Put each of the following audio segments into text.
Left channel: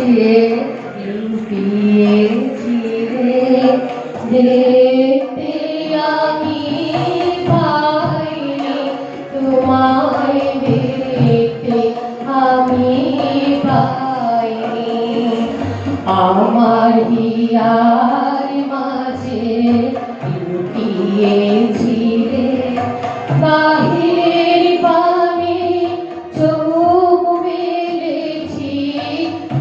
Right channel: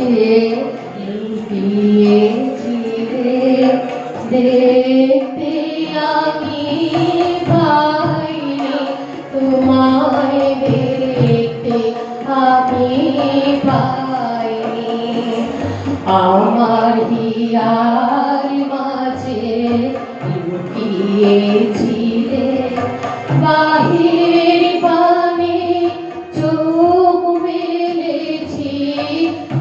মাঝে লুটিয়েছি রে, দেখতে আমি পাইনি তোমায়, দেখতে আমি পাইনি। আমার হিয়ার মাঝে লুটিয়েছি রে, বাহির পানে চোখ মেলেছি,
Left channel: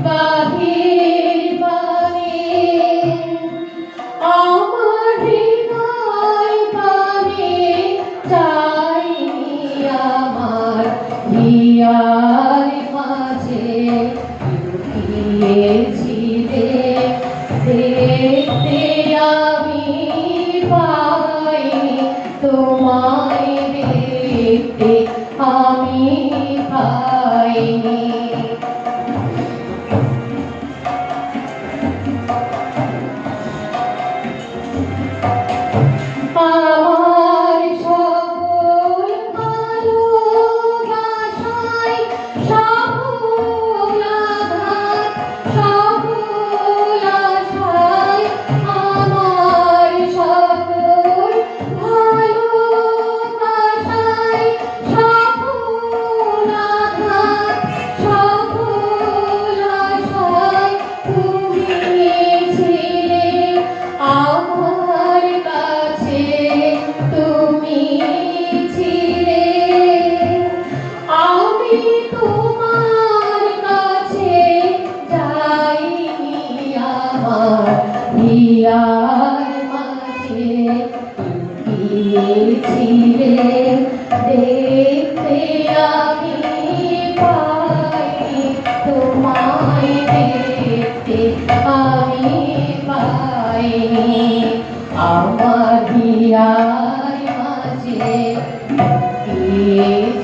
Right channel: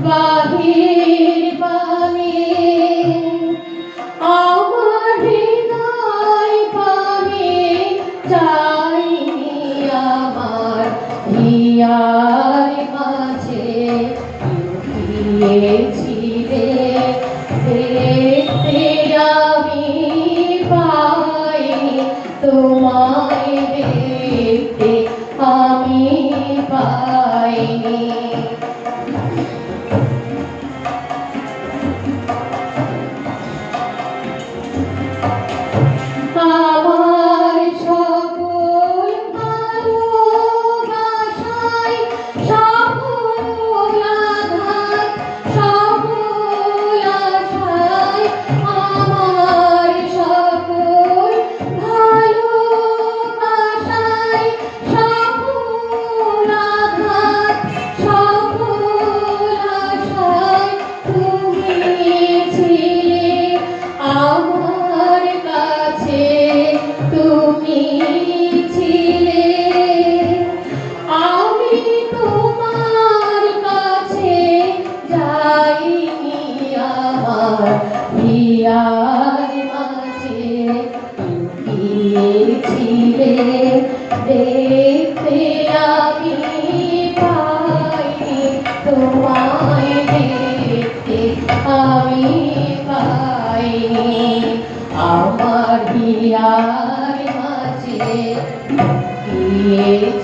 বাহির পানে আমার হৃদয় পানে চাইনি। আমার হিয়ার মাঝে লুটিয়েছি রে, দেখতে আমি পাইনি তোমায়, দেখতে আমি পাইনি। আমার সকল ভালোবাসায় সকল আঘাত, সকল আশায়, আমার সকল ভালোবাসায় সকল আঘাত, সকল আশায় তুমি ছিলে আমার কাছে, তুমি ছিলে। আমি তোমার কাছে যাইনি, আমার হিয়ার মাঝে লুটিয়েছিলে, দেখতে আমি পাইনি তোমায়, দেখতে আমি পাইনি। আমার হিয়ার মাঝে লুটিয়েছিলে।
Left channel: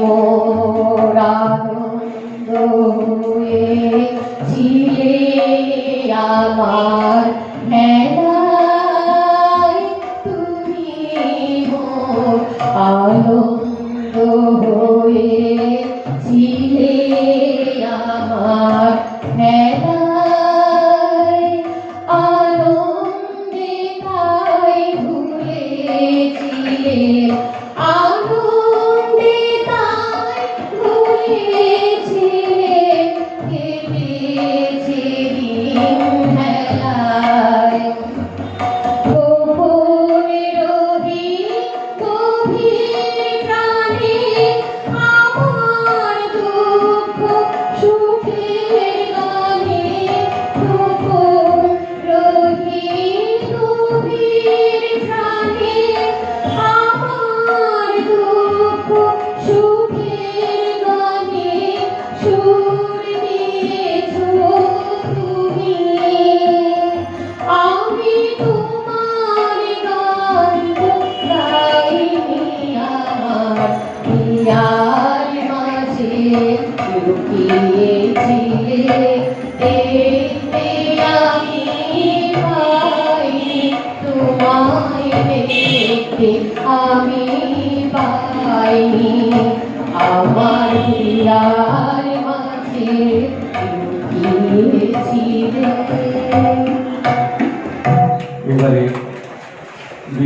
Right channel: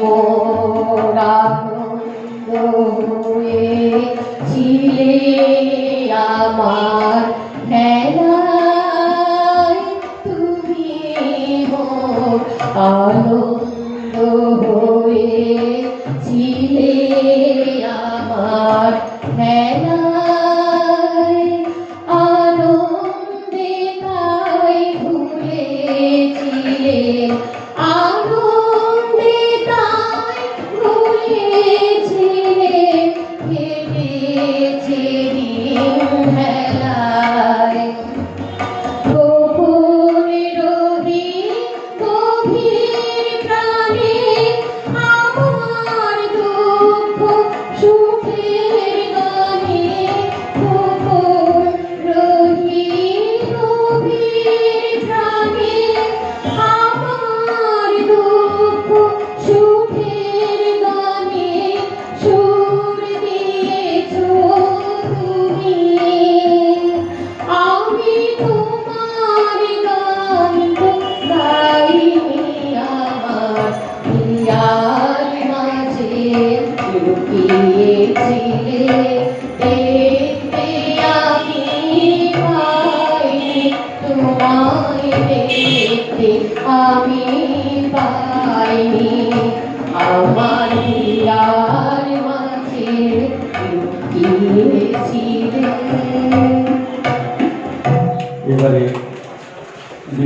মোর আনন্দ হয়েছিলে আমার মেলায়, তুমি মোর আনন্দ হয়েছিলে আমার মেলায়, আনন্দে তাই ভুলেছিলে, আনন্দে তাই ভুলেছিলে, কেটেছে দিন মেলায়। গোপনে রবি গভীর প্রাণে আমার দুঃখ সুখের গানে, গোপন রবি গভীর প্রাণে আমার দুঃখ সুখের গানে, সুর দিয়েছো তুমি। আমি তোমার গান গাইনি, আমার হিয়ার মাঝে লুটিয়েছিলে, দেখতে আমি পাইনি তোমায়, দেখতে আমি পাইনি। আমার হিয়ার মাঝে লুটিয়েছিলে। এবারে